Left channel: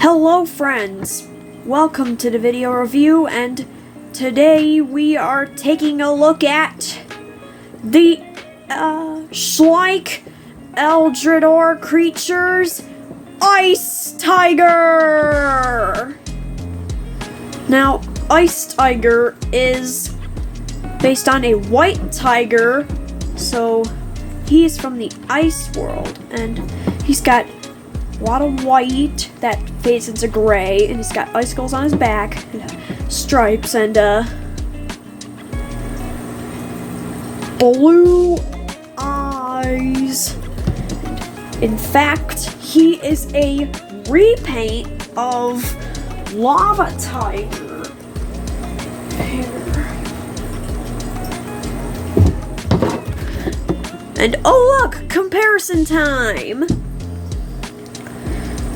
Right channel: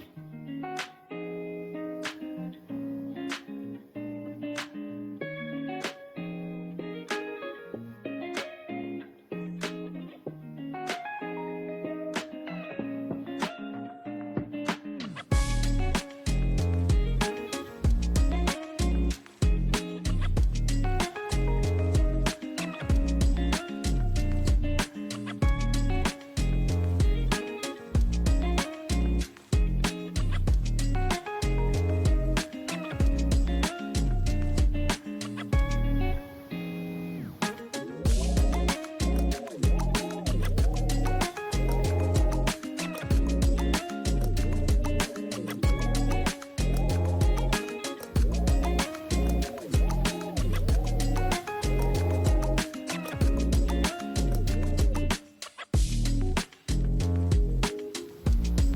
Hello friends, welcome to the video review, and today we are taking a look at the Schleich Eldrador creatures Ice Tiger! Now, Ice Tiger is based on a white tiger, so he's from the ice world, and he's got a lot of white that fades into gray, and he's got icicles on his back, and stripes, and blue eyes. In fact, he is a repaint of Lava Tiger. And oh look, comparison time!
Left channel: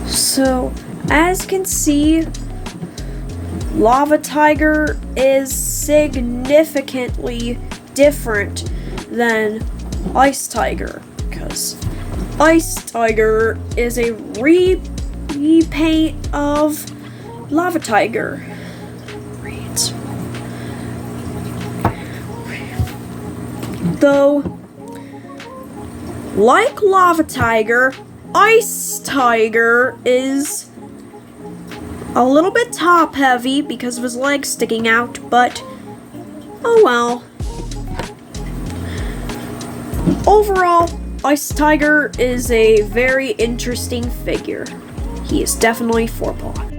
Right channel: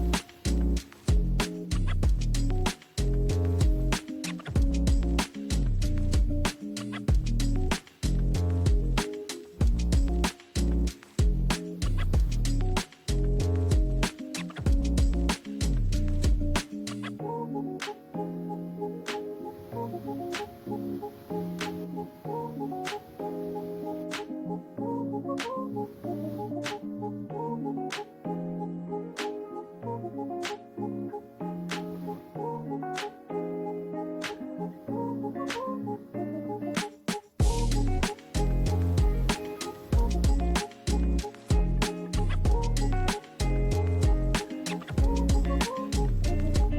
So, as you can see, Lava Tiger is significantly different than Ice Tiger, because Ice Tiger is a repaint of Lava Tiger. Though, like Lava Tiger, Ice Tiger is a little bit top heavy because of his legs sticking out, but oh well. Overall, Ice Tiger is a very interesting figure. He is definitely 4-paw.